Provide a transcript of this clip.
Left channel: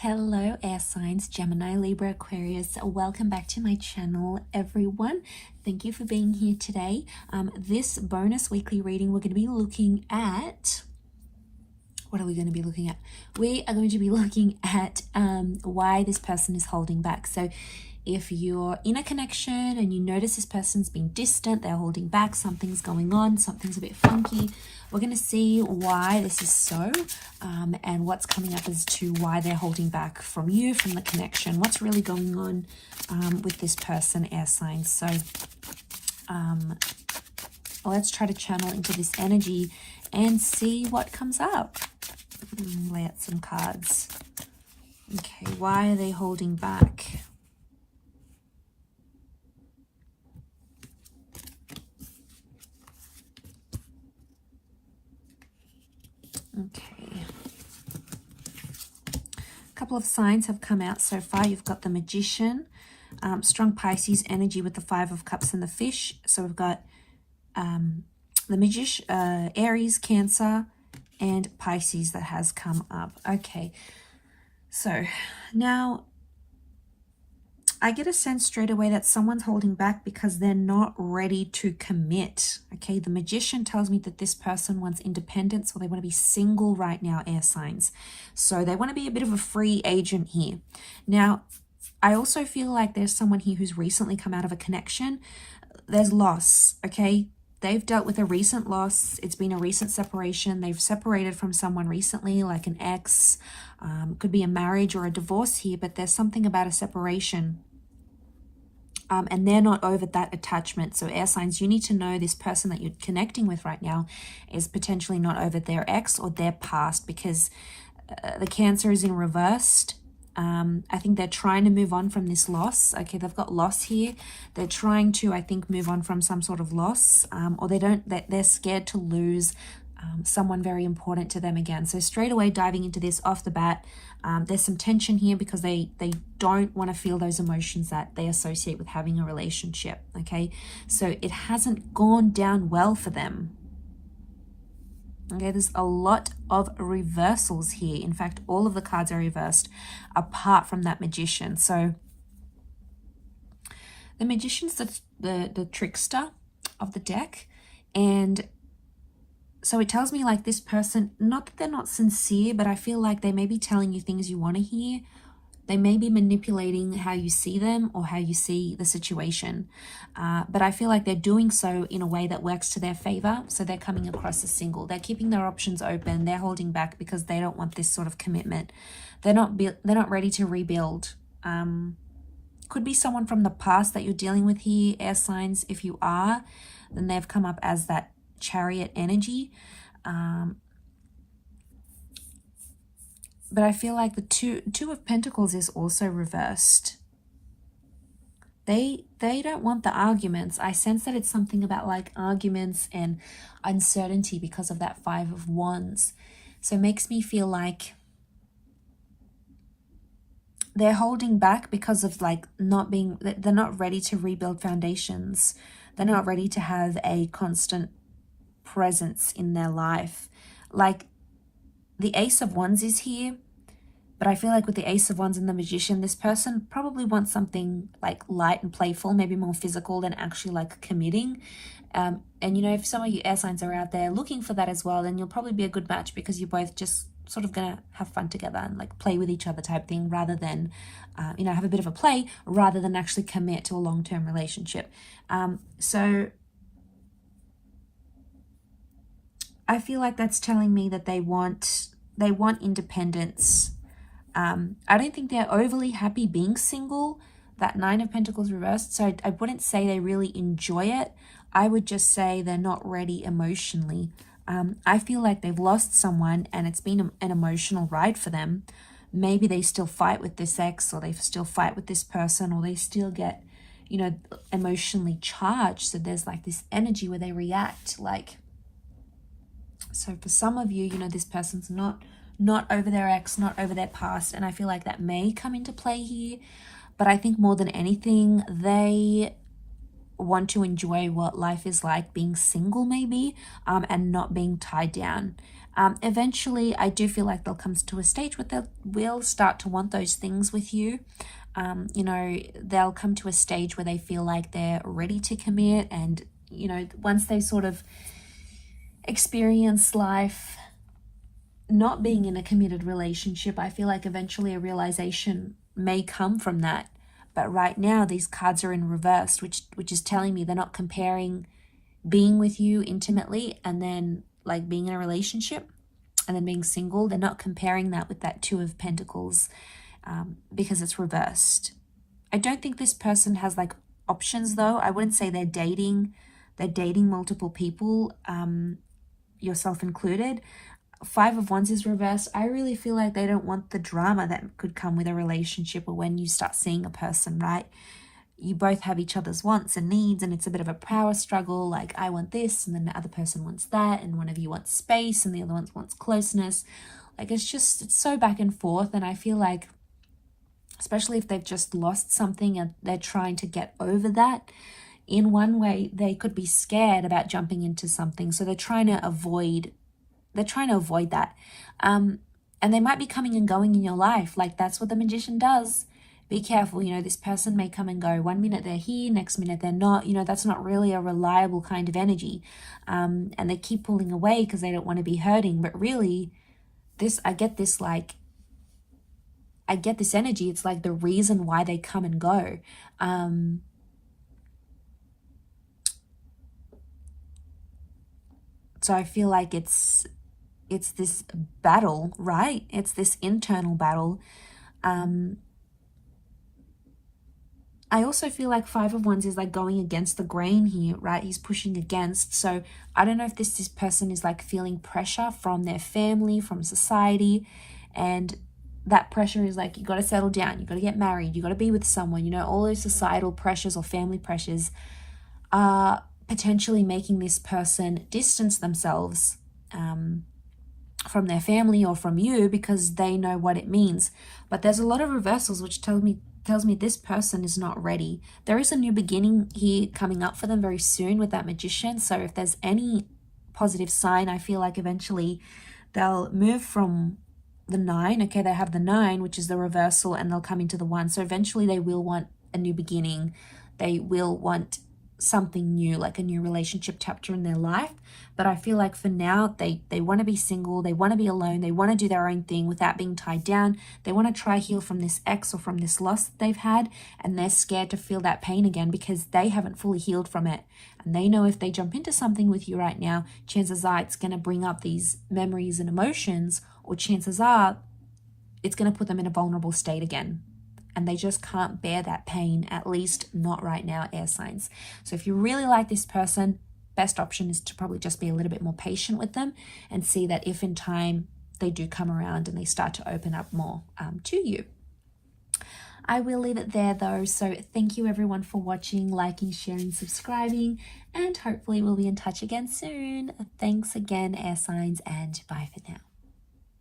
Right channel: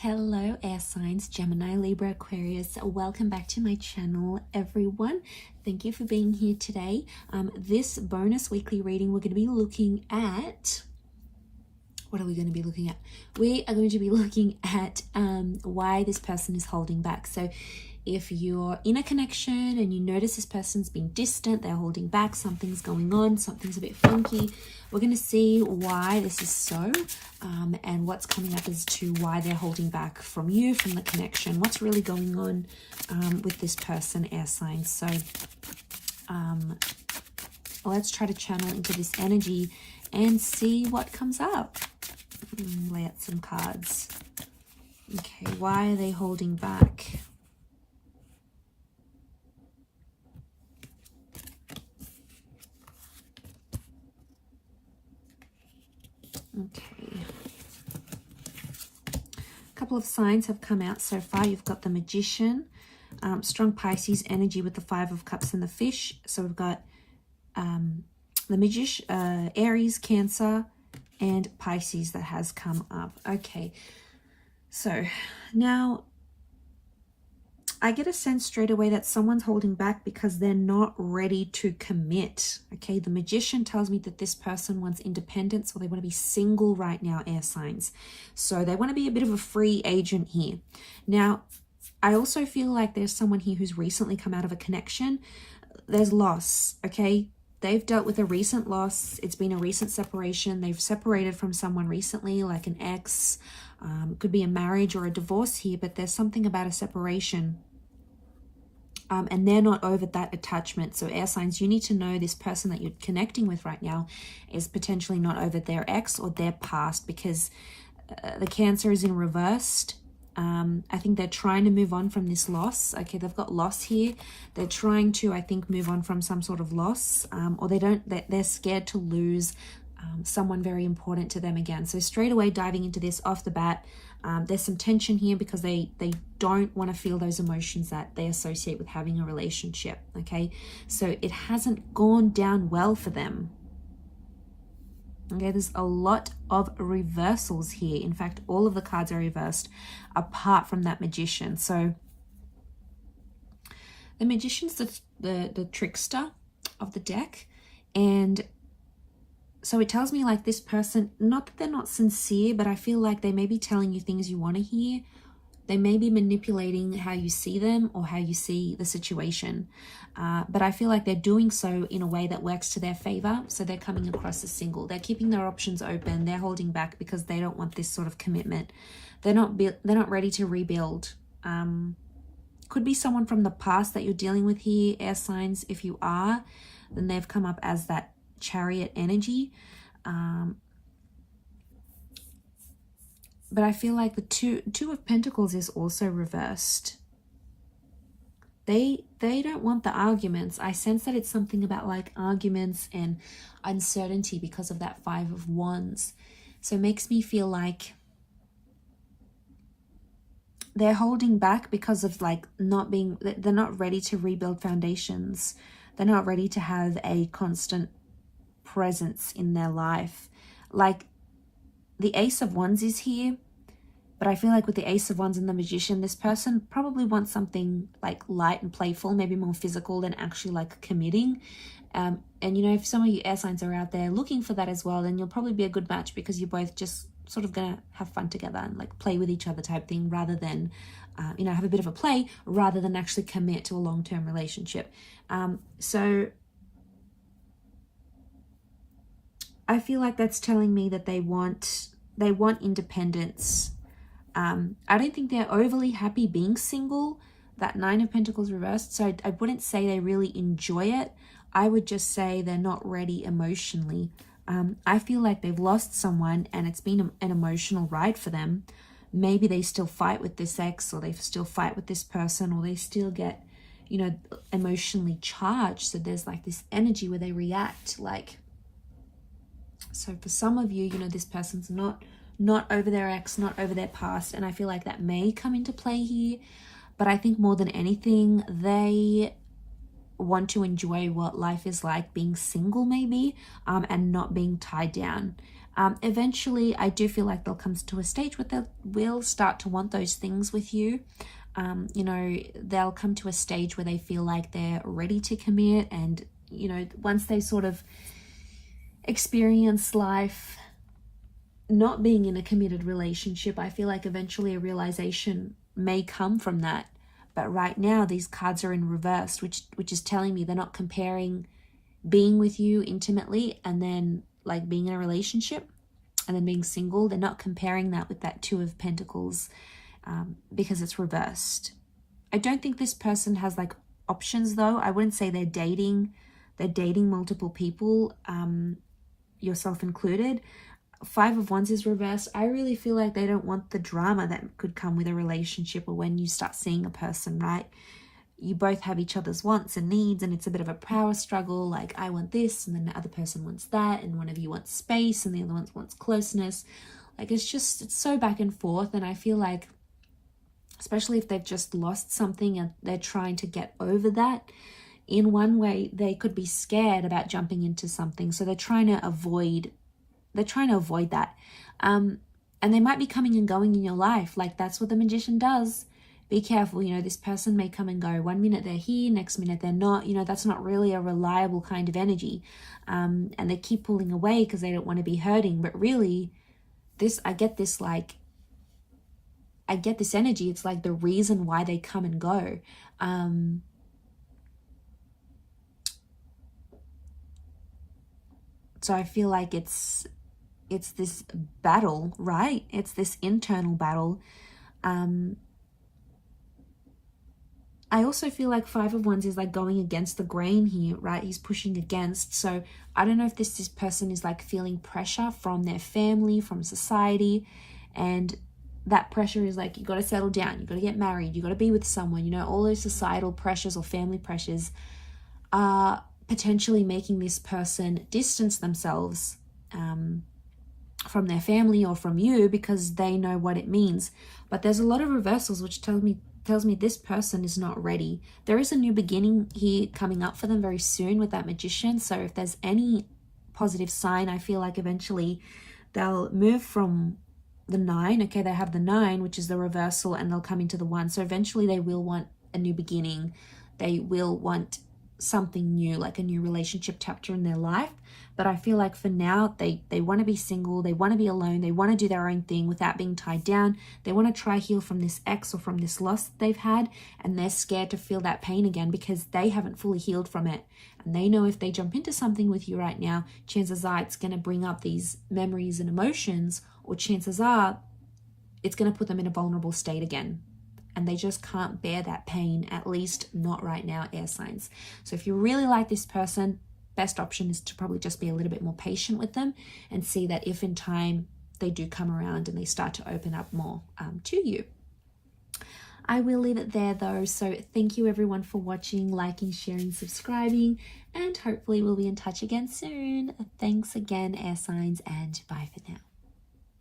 Hello air signs, Gemini, Libra, Aquarius. Welcome back to my channel, everyone. Thank you for being here today. This bonus weekly reading, we're going to be looking at... What are we going to be looking at? We are going to be looking at why this person is holding back. So if you're in a connection and you notice this person's being distant, they're holding back, something's going on, something's a bit funky, we're going to see why this is so and what's coming up as to why they're holding back from you, from the connection, what's really going on with this person, air signs. So let's try to channel into this energy and see what comes up. Lay out some cards. Okay, why are they holding back? Okay. A couple of signs have come out so far. You've got the Magician, strong Pisces energy with the Five of Cups and the Fish. So we've got the Magician, Aries, Cancer, and Pisces that has come up. Okay, so now I get a sense straight away that someone's holding back because they're not ready to commit. Okay, the Magician tells me that this person wants independence, or they want to be single right now, air signs. So they want to be a bit of a free agent here. Now, I also feel like there's someone here who's recently come out of a connection. There's loss, okay? They've dealt with a recent loss. It's been a recent separation. They've separated from someone recently, like an ex. Could be a marriage or a divorce here, but there's something about a separation. And they're not over that attachment. So air signs, you need to know this person that you're connecting with right now is potentially not over their ex or their past, because the Cancer is in reversed. I think they're trying to move on from this loss. Okay, they've got loss here. They're trying to, I think, move on from some sort of loss, or they're scared to lose someone very important to them again. So straight away diving into this off the bat, there's some tension here because they don't want to feel those emotions that they associate with having a relationship. Okay, so it hasn't gone down well for them. Okay, there's a lot of reversals here. In fact, all of the cards are reversed apart from that Magician. So the Magician's the trickster of the deck. And so it tells me like this person, not that they're not sincere, but I feel like they may be telling you things you want to hear. They may be manipulating how you see them or how you see the situation. But I feel like they're doing so in a way that works to their favor. So they're coming across as single. They're keeping their options open. They're holding back because they don't want this sort of commitment. They're not ready to rebuild. Could be someone from the past that you're dealing with here, air signs. If you are, then they've come up as that Chariot energy. But I feel like the two of Pentacles is also reversed. They don't want the arguments. I sense that it's something about like arguments and uncertainty because of that Five of Wands. So it makes me feel like they're holding back because of like they're not ready to rebuild foundations. They're not ready to have a constant presence in their life. Like the Ace of Wands is here, but I feel like with the Ace of Wands and the Magician, this person probably wants something like light and playful, maybe more physical than actually like committing. And you know, if some of you air signs are out there looking for that as well, then you'll probably be a good match because you're both just sort of gonna have fun together and like play with each other type thing, rather than you know, have a bit of a play rather than actually commit to a long-term relationship. So I feel like that's telling me that they want independence. I don't think they're overly happy being single. That Nine of Pentacles reversed. So I wouldn't say they really enjoy it. I would just say they're not ready emotionally. I feel like they've lost someone and it's been an emotional ride for them. Maybe they still fight with this ex, or they still fight with this person, or they still get, you know, emotionally charged. So there's like this energy where they react like... So for some of you, you know, this person's not over their ex, not over their past. And I feel like that may come into play here. But I think more than anything, they want to enjoy what life is like being single maybe, and not being tied down. Eventually, I do feel like they'll come to a stage where they will start to want those things with you. You know, they'll come to a stage where they feel like they're ready to commit, and, you know, once they sort of experience life not being in a committed relationship, I feel like eventually a realization may come from that. But right now, these cards are in reverse, which is telling me they're not comparing being with you intimately and then like being in a relationship and then being single. They're not comparing that with that Two of Pentacles, because it's reversed. I don't think this person has like options though. I wouldn't say they're dating multiple people, yourself included. Five of Wands is reversed. I really feel like they don't want the drama that could come with a relationship or when you start seeing a person, right? You both have each other's wants and needs, and it's a bit of a power struggle. Like, I want this, and then the other person wants that, and one of you wants space, and the other one wants closeness. Like, it's so back and forth, and I feel like, especially if they've just lost something and they're trying to get over that, in one way, they could be scared about jumping into something, so they're trying to avoid that. And they might be coming and going in your life. Like, that's what the Magician does. Be careful, you know, this person may come and go. One minute they're here, next minute they're not. You know, that's not really a reliable kind of energy. And they keep pulling away because they don't want to be hurting. But really, I get this energy. It's like the reason why they come and go. So I feel like it's this battle, right? It's this internal battle. I also feel like Five of Wands is like going against the grain here, right? He's pushing against. So I don't know if this person is like feeling pressure from their family, from society. And that pressure is like, you got to settle down. You got to get married. You got to be with someone. You know, all those societal pressures or family pressures are potentially making this person distance themselves from their family or from you because they know what it means. But there's a lot of reversals which tells me this person is not ready. There is a new beginning here coming up for them very soon with that Magician. So if there's any positive sign, I feel like eventually they'll move from the 9. Okay, they have the 9, which is the reversal, and they'll come into the 1. So eventually they will want a new beginning. They will want something new, like a new relationship chapter in their life. But I feel like for now, they want to be single, they want to be alone, they want to do their own thing without being tied down. They want to try heal from this ex or from this loss that they've had, and they're scared to feel that pain again because they haven't fully healed from it. And they know if they jump into something with you right now, chances are it's going to bring up these memories and emotions, or chances are it's going to put them in a vulnerable state again. And they just can't bear that pain, at least not right now, air signs. So if you really like this person, best option is to probably just be a little bit more patient with them and see that if in time they do come around and they start to open up more to you. I will leave it there though. So thank you everyone for watching, liking, sharing, subscribing, and hopefully we'll be in touch again soon. Thanks again, air signs, and bye for now.